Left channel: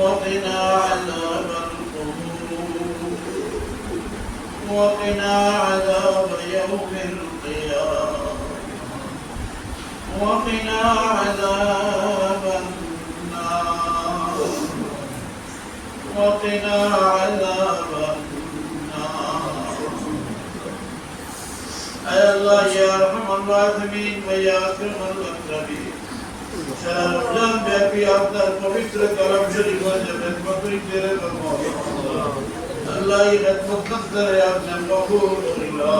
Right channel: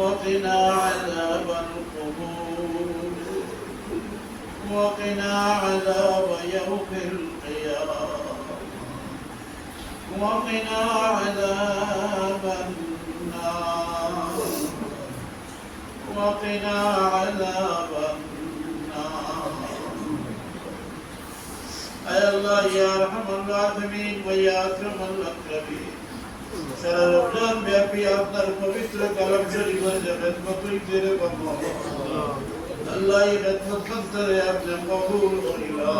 وقنا عذاب القبور. وقنا عذاب يوم القيامة. وقنا عذاب النار. وقنا عذاب النار. أي الله يا أرحم الراحمين ويا أكرم الأكرمين. সারা রমজান আপনার পবিত্র কালাম শরীফ খেদমতই তেরে করব। আল্লাহ এই খেদমত করে আপনি কবুল করিলা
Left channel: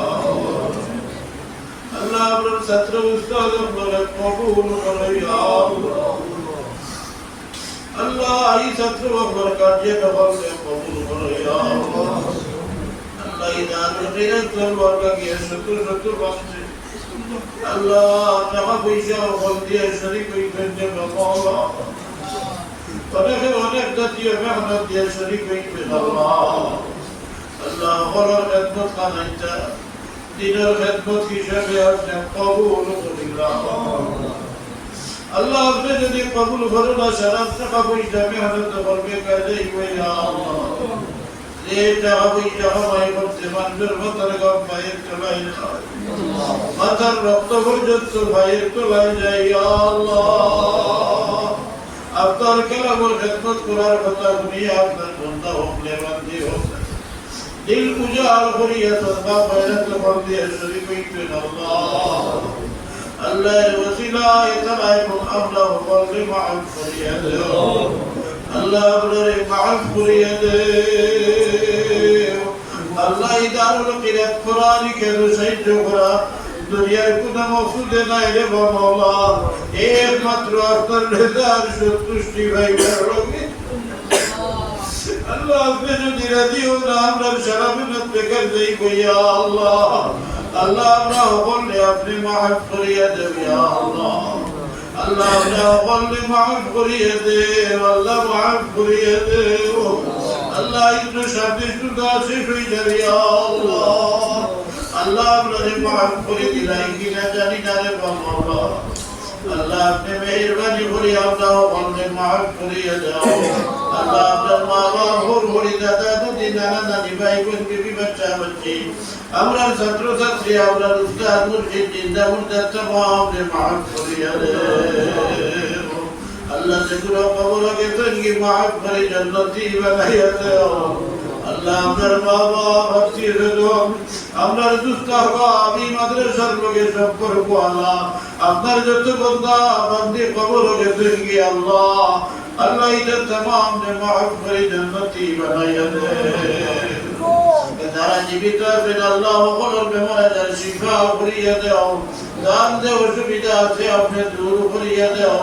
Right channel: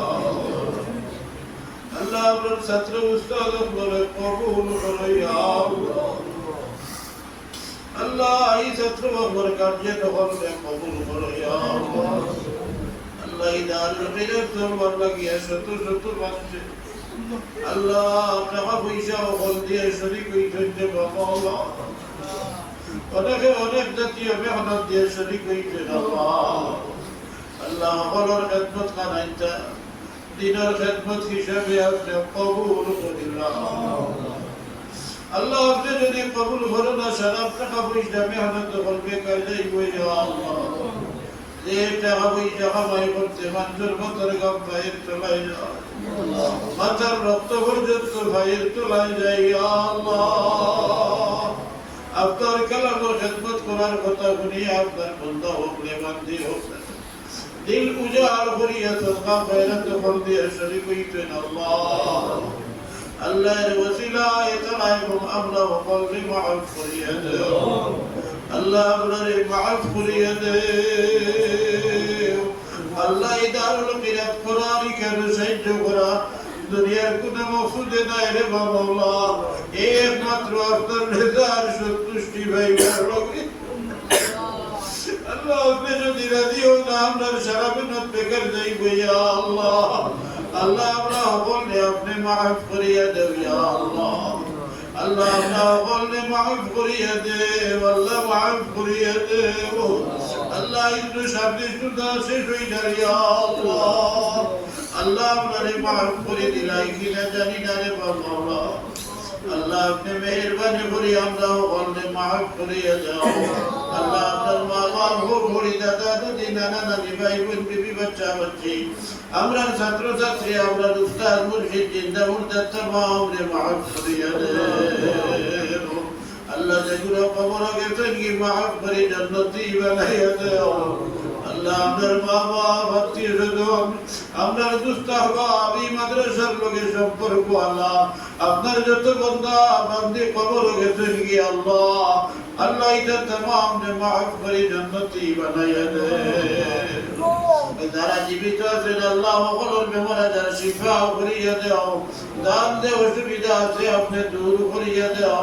আল্লাহ আপনার ছাত্র উস্তাদ বলে, কবুল করো আল্লাহ। এই ছাত্র বন্ধর কার্য কবলকে কবুল করো আল্লাহ। এই দারুল খিরাত জলবার লাগিয়ে সত্তর সত্তর মানুষের আল্লাহ টাকা যদি কবুল করেন না সারা টাকা পয়সা মেহনত করবে কাজে হইয়া যে টাকা পয়সা কামাই করতে মানুষের মাথার রক্ত পর্যন্ত ভাইয়ের তোলায় যাই আপনার কালামর খেদমত করার কথা শুনিয়ে আপনার বন্ধা হোক লেবান্দি হোক। দিল উজাড় করিয়া সদকা ফয়রাত ফল দিয়ে শরীফ হইতেন আল্লাহ। আল্লাহর কোন আমরা করিয়া আল্লাহ আপনারে করিয়া দেও আল্লাহ ইদারুল কিরাত কোরআন কেন সাহায্য করা? দুনিয়ার কোন মকসুদে নাই রে বাবা। একমাত্র আপনার রেজার সন্তুষ্টি ভাই রবে আল্লাহ আপনি যদি রাজি হন, আপনার সারা মেহনত বেকার যাই কইয়া আল্লাহ। আল্লাহ আমরা বললে আপনি মাফ করিয়া দেব ইয়া আল্লাহ। আল্লাহ আমরা বললে মাফ করিয়া দেব আল্লাহ মাফ করিয়া দেব আল্লাহ হয়ে যাবে ইয়া আল্লাহ। আল্লাহ আপনারে করে দিলাই কিনা জানি না রে করে আল্লাহ আল্লাহ আপনার মা বাবা ভোর ভরি দাদা দাদি ভাই বাচ্চা, বাচ্চি। আমরা ছাত্র ছাত্রী আমরা উস্তাদ, মুর্শিদ, জিন্দা মুর্দা তমাম রে করিয়া দে আল্লাহ যেগুলো কবরকে তৈরি শিক্ষা করিয়া দেও। দান যে অসুবিধা আছে আপনি দূর করিয়া দেও।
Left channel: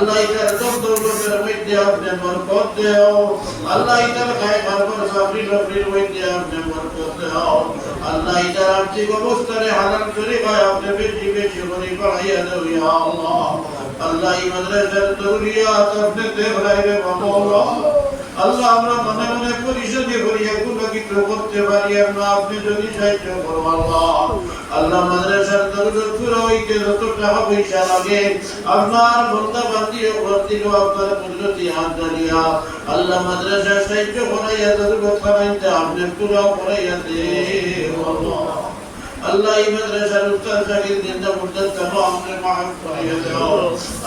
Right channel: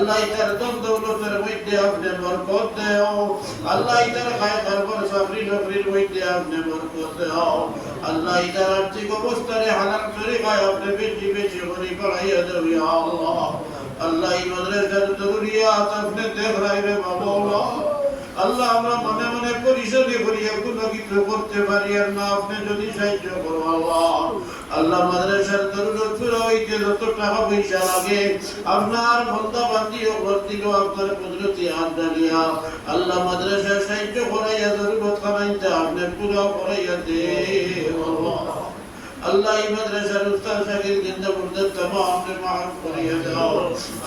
আল্লাহ আল্লাহ ইতার সব দৌলতের মধ্যে আপনি বরকত দেও আল্লাহ ইতার খায় খারবার চাকরি নকরির মধ্যে আপনি বরকত দেও আল্লাহ ইতার আর্থিক অবস্থানে হালাল শরীফায় আপনি বেশি বেশি করে বাড়াইয়া দেও ইয়া আল্লাহ আল্লাহ এই মাদ্রাসার দৌলিয়াত আপনি দেখলাই রে বাবা আল্লাহ আমরা মনে মনে পরিশোধি করি একটু কিছু করতে পারি আর না, আপনি যদি সাহায্য করো, আল্লাহ। আল্লাহ মাদ্রাসার দরজা পুরো হইতে যত পয়সা লাগে আপনার বন্ধা বান্দি দিল আপনার কুদরতি হাত দাঁড়িয়া আল্লাহ মাদ্রাসা সাহায্য করাইয়া দরজা খানাইতে আপনি পুরো করাইয়া দে আল্লাহ আল্লাহ এই মাদ্রাসার উস্তাদ জিন্দা মুর্দাদ তামাম রে মাফ করিয়া দাও।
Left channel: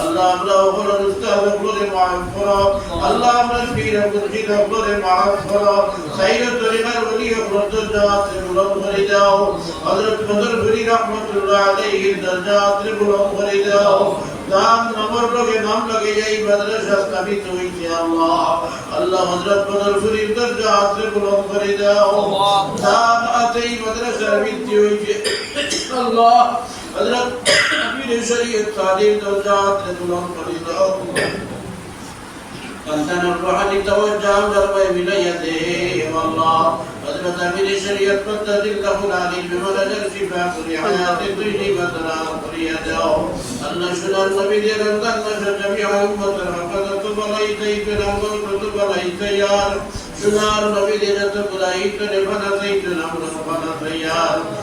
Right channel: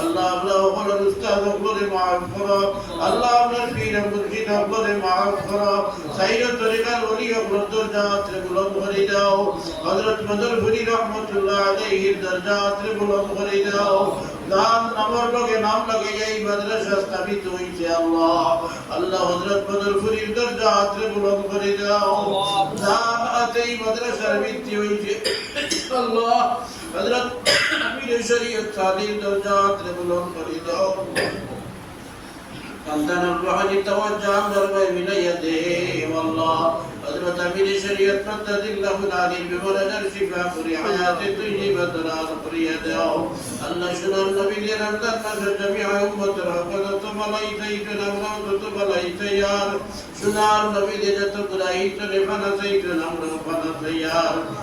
আল্লাহ আমরা ওপরের উস্তাদ গুলোরে মাফ করো। আল্লাহ আমরা পীর মুর্শিদ গুলোরে মাফ করো। সাইয়্যিদ তরিকার ওলি দরজাত বুলন্দ করে দাও। হযরত বদর গুরি রহমাতুল্লাহ আলাইহি দরজাত বুলন্দ করে দাও। দান, নামার লগে নাম লগে এই মাদ্রাসা স্থাপিত হইছে আল্লাহ। আল্লাহ হযরত বদর গুরির দরজাত বুলন্দ করে দাও। الله. حضرت امیر شریعت تعلیم درجات لغلام فرید عندنا الوحد توجه دربي بليدهم الله حضرت امیر شریعت بدد الله العليم ولدر شفاء حياة طيبة فريده الله شلال سبيل يغندن جميع أمة عبدت بليتيت الأمة بليت يار شلال سبيل يغندن بليت لفنسيت الأمة بليت يار